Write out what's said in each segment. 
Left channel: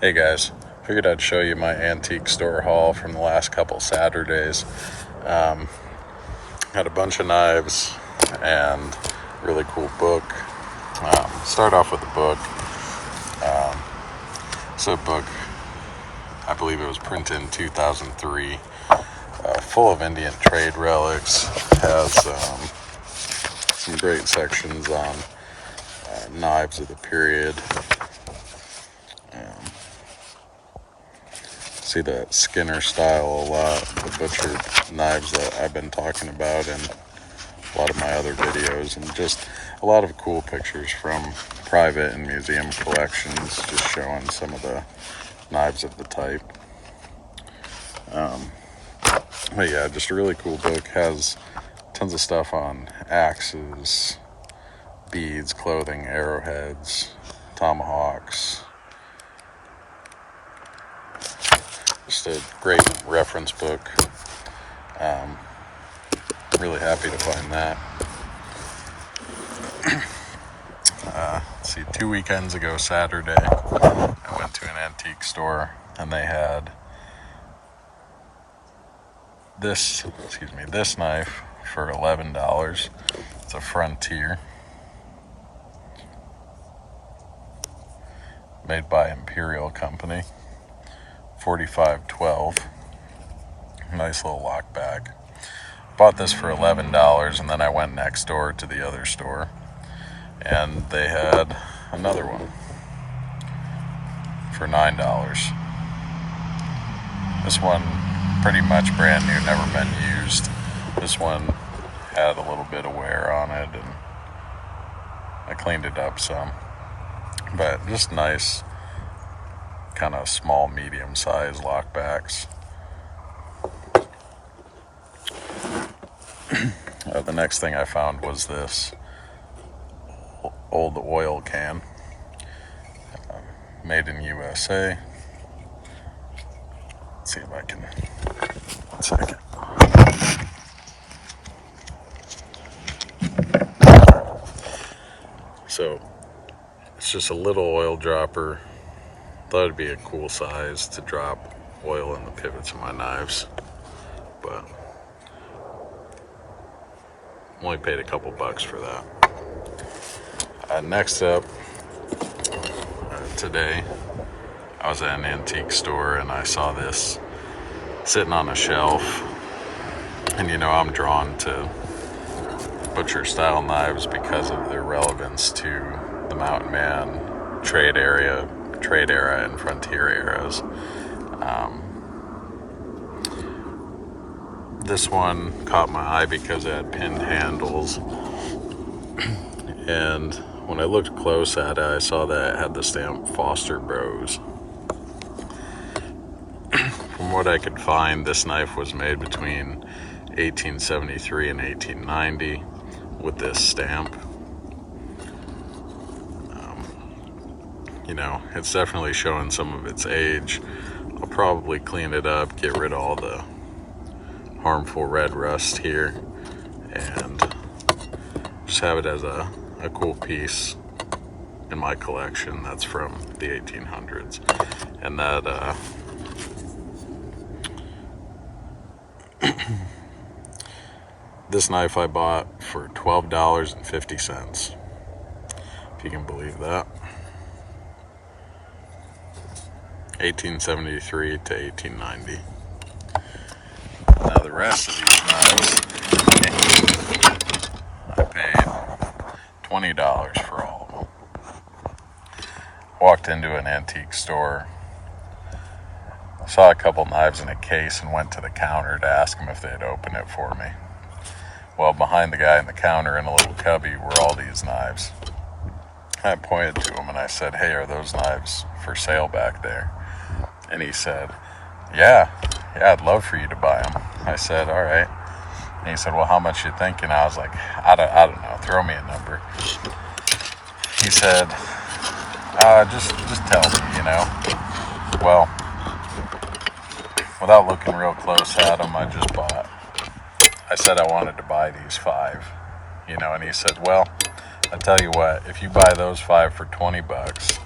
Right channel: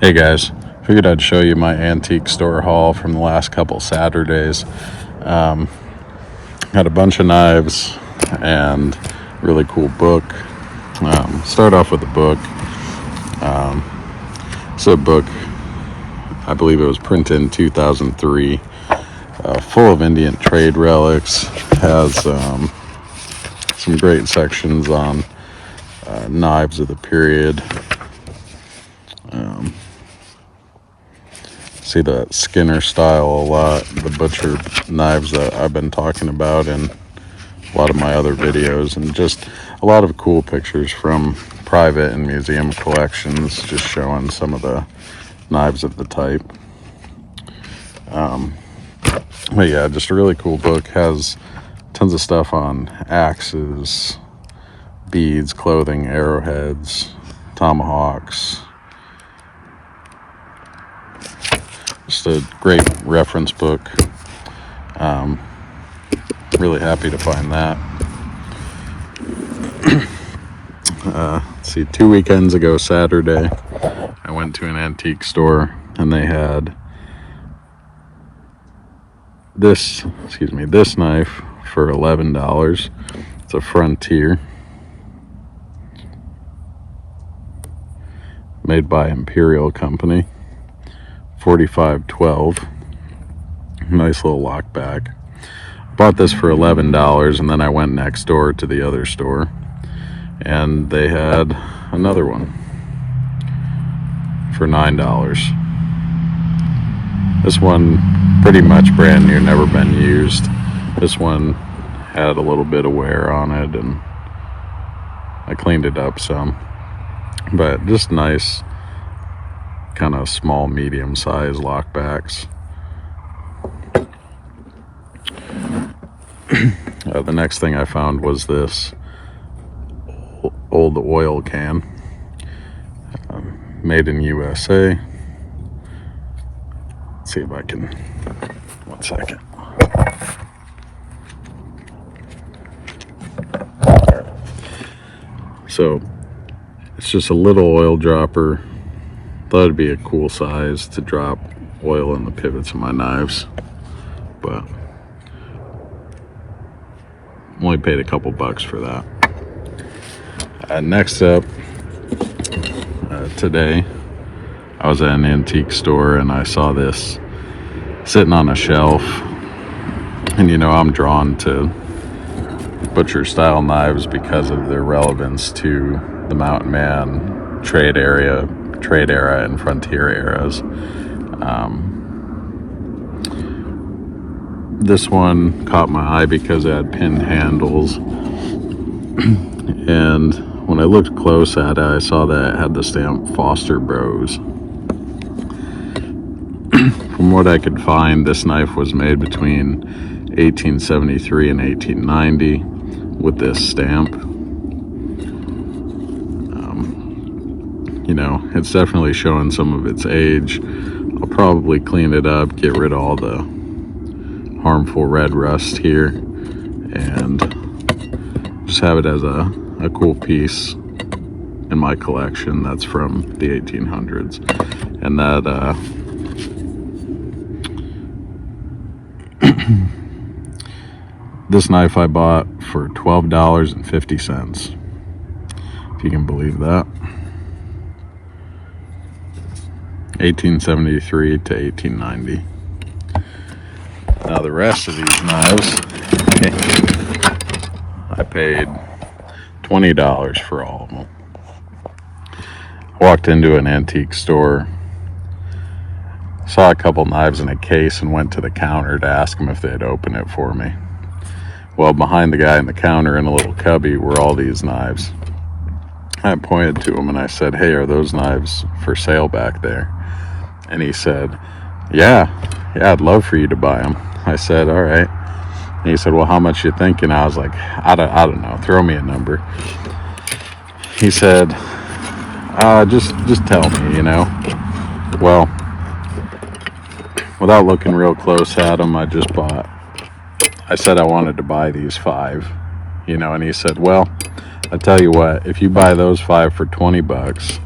Hey guys, figured I'd show you my antique store haul from the last couple Saturdays. Had a bunch of knives and really cool book. Start off with a book. It's a book, I believe it was printed in 2003, full of Indian trade relics. Has some great sections on knives of the period. See that Skinner style a lot, the butcher knives that I've been talking about in a lot of my other videos, and just a lot of cool pictures from private and museum collections, just showing some of the knives of the type. But yeah, just a really cool book. Has tons of stuff on axes, beads, clothing, arrowheads, tomahawks. Just a great reference book. Really happy to find that. Let's see, 2 weekends ago Saturday, I went to an antique store and they had this knife for $11. It's a Frontier, made by Imperial company. 4512, nice little lockback. Bought this for $11, and then I went next door to the other store and they had another one for $9. This one pretty much brand new, never been used. This one had a little bit of wear on it and I cleaned it up some, but just nice kind of small, medium-sized lockbacks. The next thing I found was this old oil can, made in USA. Let's see if I can, 1 second. So it's just a little oil dropper. Thought it'd be a cool size to drop oil in the pivots of my knives, but only paid a couple bucks for that. Next up, today I was at an antique store and I saw this sitting on a shelf, and you know, I'm drawn to butcher style knives because of their relevance to the mountain man trade era and frontier eras. This one caught my eye because it had pinned handles, and when I looked close at it, I saw that it had the stamp Foster Bros. From what I could find, this knife was made between 1873 and 1890 with this stamp. You know, it's definitely showing some of its age. I'll probably clean it up, get rid of all the harmful red rust here, and just have it as a cool piece in my collection that's from the 1800s. And that this knife I bought for $12.50, if you can believe that. 1873 to 1890. Now the rest of these knives, I paid $20 for all of them. Walked into an antique store, saw a couple knives in a case, and went to the counter to ask them if they'd open it for me. Well, behind the guy in the counter in a little cubby were all these knives. I pointed to him and I said, "Hey, are those knives for sale back there?" And he said, yeah, I'd love for you to buy them. I said, all right. And he said, well, how much you thinking? I was like, I don't know, throw me a number. He said, just tell me, you know. Well, without looking real close at them, I said I wanted to buy these 5, you know, and he said, well, I tell you what, if you buy those 5 for $20,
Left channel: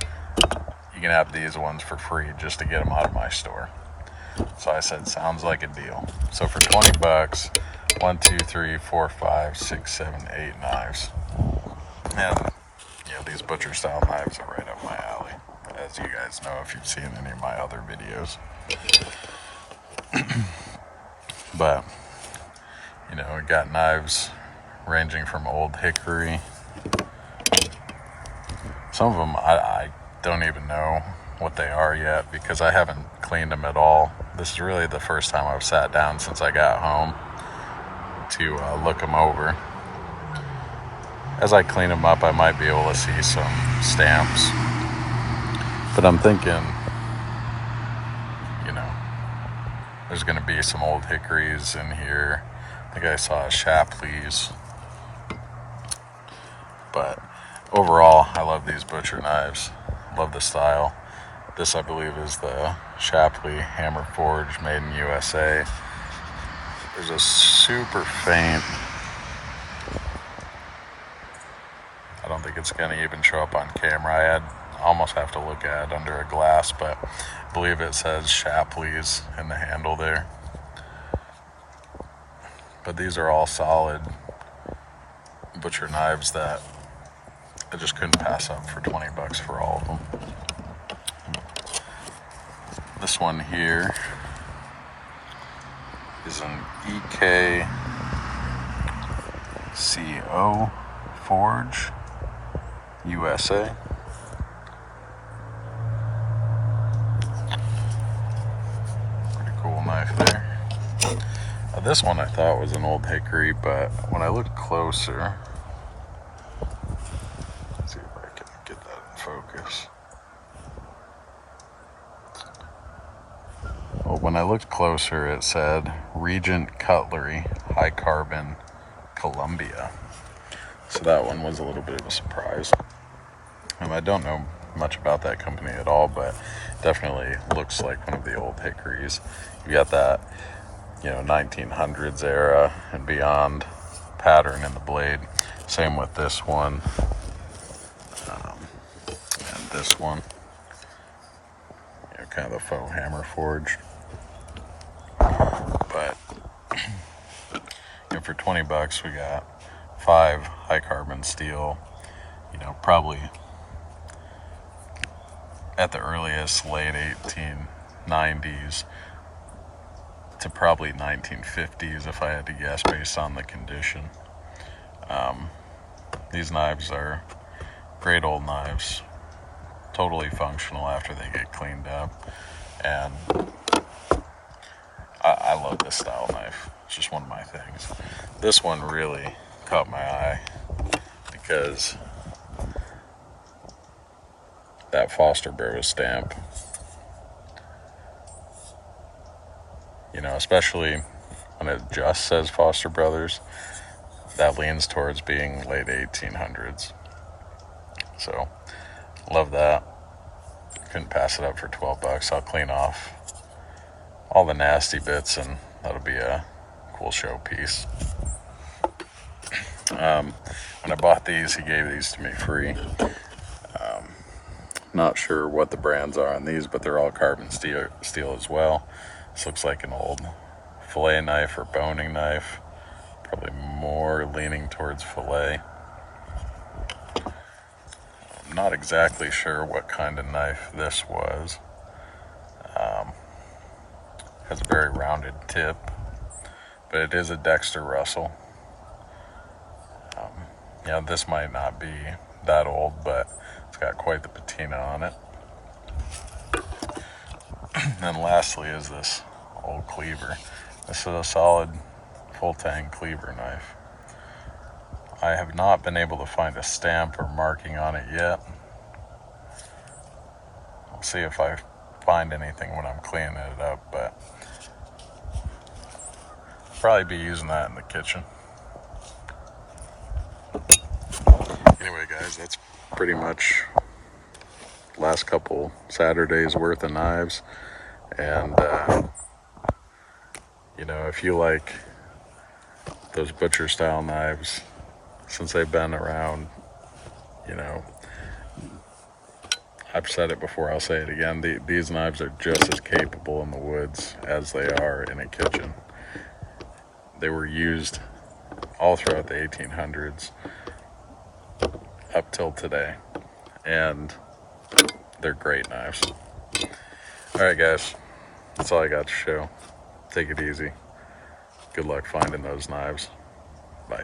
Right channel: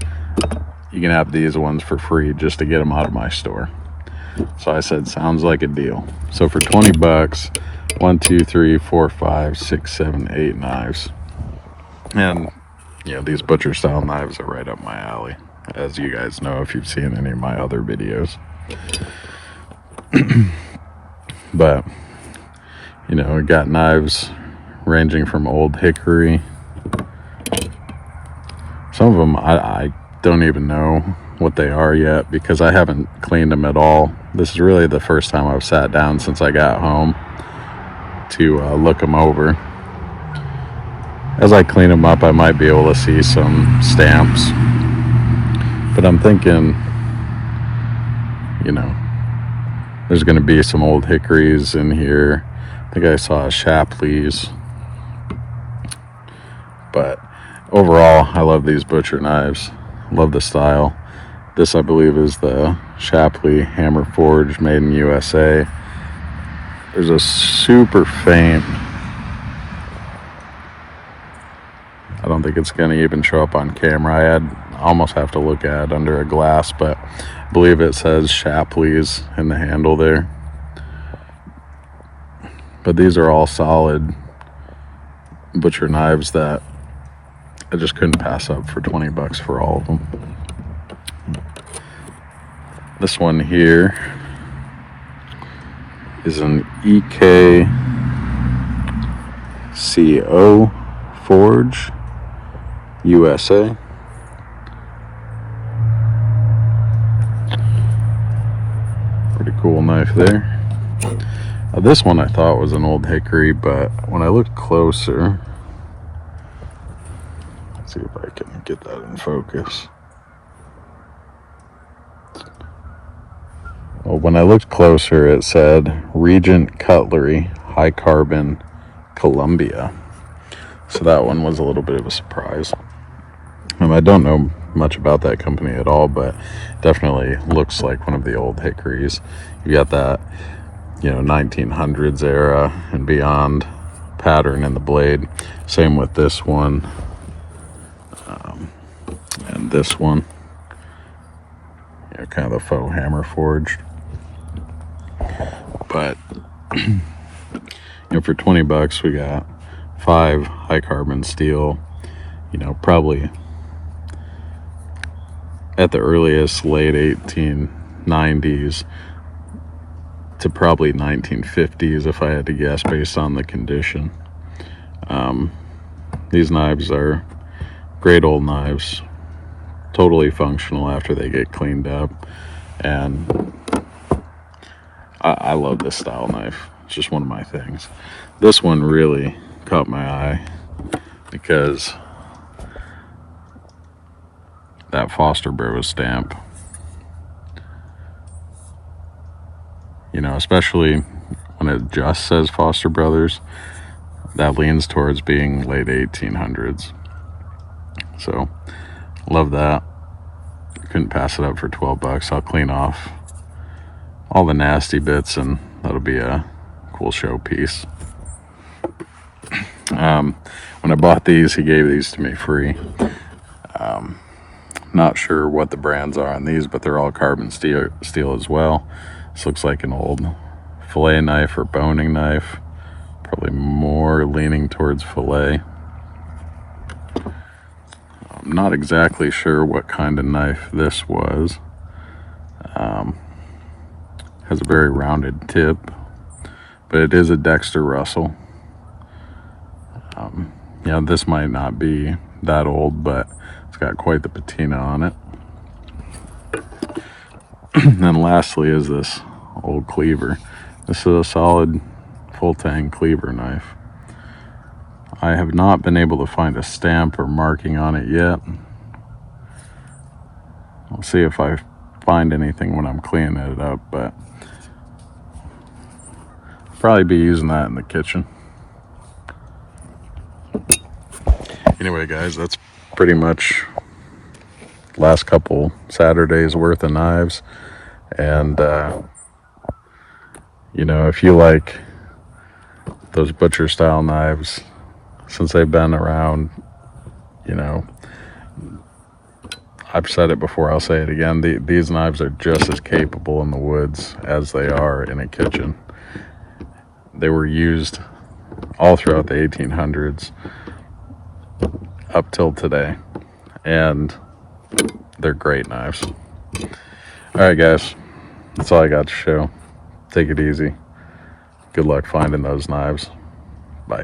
you can have these ones for free just to get them out of my store. So I said, sounds like a deal. So for 20 bucks, 1, 2, 3, 4, 5, 6, 7, 8 knives. And, you know, these butcher style knives are right up my alley, as you guys know if you've seen any of my other videos. But, you know, we got knives ranging from Old Hickory. Some of them I don't even know what they are yet because I haven't cleaned them at all. This is really the first time I've sat down since I got home to look them over. As I clean them up, I might be able to see some stamps. But I'm thinking, you know, there's going to be some Old Hickories in here. I think I saw a Shapleigh's. But overall, I love these butcher knives. Love the style. This, I believe, is the Shapleigh Hammer Forged, made in USA. There's a super faint, I don't think it's going to even show up on camera. I almost have to look at it under a glass, but I believe it says Shapleigh's in the handle there. But these are all solid butcher knives that I just couldn't pass up for 20 bucks for all of them. This one here is an EKCO Forge, USA. Pretty cool knife there. This one I thought was an Old Hickory, but when I looked closer, let's see if I can get that in focus. Well, when I looked closer, it said Regent Cutlery, High Carbon, Columbia. So that one was a little bit of a surprise. I don't know much about that company at all, but definitely looks like one of the Old Hickories. You got that, you know, 1900s era and beyond pattern in the blade. Same with this one and this one. You know, kind of the faux hammer forged. But you know, for 20 bucks, we got 5 high carbon steel. You know, probably at the earliest late 1890s to probably 1950s, if I had to guess, based on the condition. These knives are great old knives, totally functional after they get cleaned up, and I love this style knife. It's just one of my things. This one really caught my eye because that Foster Brothers stamp, you know, especially when it just says Foster Brothers, that leans towards being late 1800s. So love that. Couldn't pass it up for 12 bucks. I'll clean off all the nasty bits and that'll be a cool showpiece. When I bought these, he gave these to me free. Not sure what the brands are on these, but they're all carbon steel as well. This looks like an old fillet knife or boning knife, probably more leaning towards fillet. I'm not exactly sure what kind of knife this was. Has a very rounded tip, but it is a Dexter Russell. Yeah, this might not be that old, but it's got quite the patina on it. And then lastly is this old cleaver. This is a solid full tang cleaver knife. I have not been able to find a stamp or marking on it yet. I'll see if I find anything when I'm cleaning it up, but I'll probably be using that in the kitchen. Anyway, guys, that's pretty much last couple Saturdays worth of knives. And you know, if you like those butcher style knives, since they've been around, you know, I've said it before, I'll say it again. These knives are just as capable in the woods as they are in a kitchen. They were used all throughout the 1800s up till today, and they're great knives. All right, guys, that's all I got to show. Take it easy. Good luck finding those knives. Bye.